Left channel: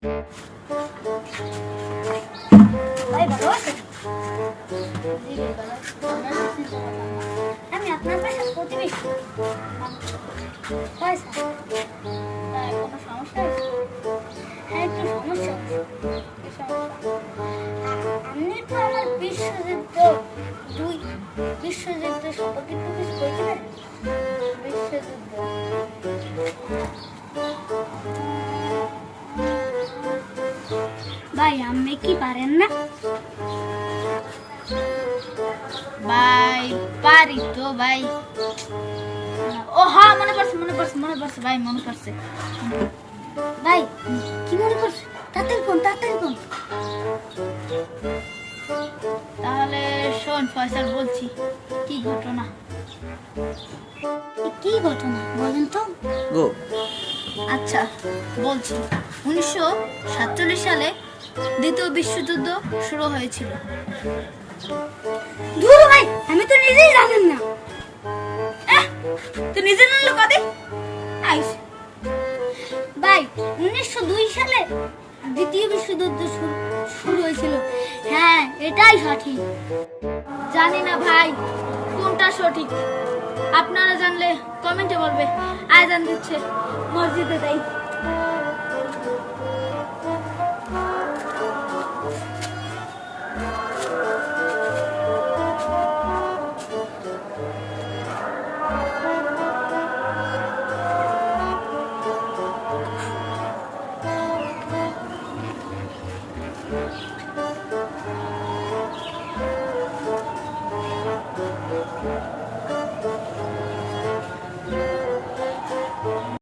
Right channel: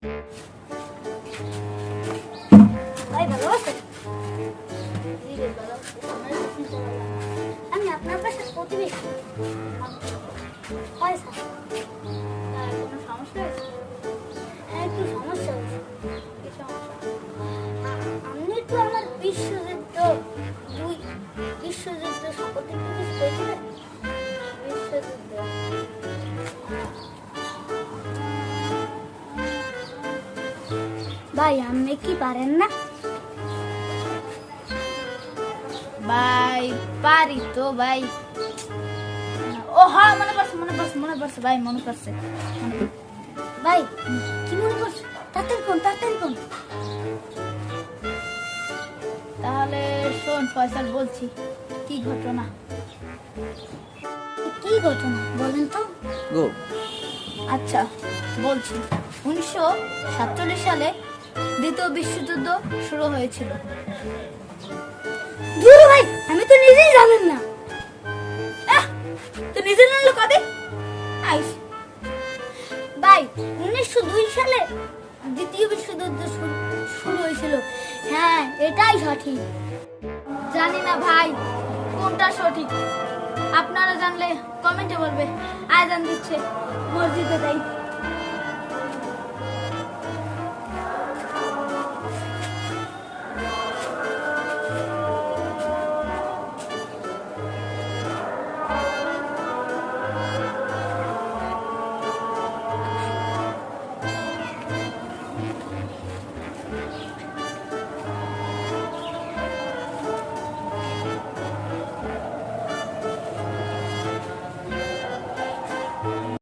আমি আপনার পাশে প্রতিবেশী। কোনো সমস্যা আছে? হ্যাঁ, একটু সমস্যা আছে। আপনি তো আমার বিশ্বযুদ্ধ সম্পর্কে একটু কিছু বলছিলেন। বিশ্বযুদ্ধ ভাই, আপনি কি পারেন না? ভাই পারি তো ভাই। ও হ্যাঁ, মনে পড়ছে ভাই, মনে পড়ছে। ভাই কি মনে করছে? তাড়াতাড়ি কোন। তাহলে শোন ফয়সাল, বলছি কি ঘটনা। কি ঘটনা বলেন তো? আচ্ছা বলছি, 1947 সালে দ্বিতীয় বিশ্বযুদ্ধ শুরু হয়েছিল। ধুর ভাই, আমি তো নিজেই জানেন না। তুই নিজে জানলো কবে? ভাই 1902 সালে দ্বিতীয় বিশ্বযুদ্ধ শুরু হয়েছিল। হ্যাঁ, এটাই সঠিক। জানি না ভাই কোনটা সঠিক, আপনারা জানলে কমেন্টে বলবে। আজান দিচ্ছে, মসজিদে যাই।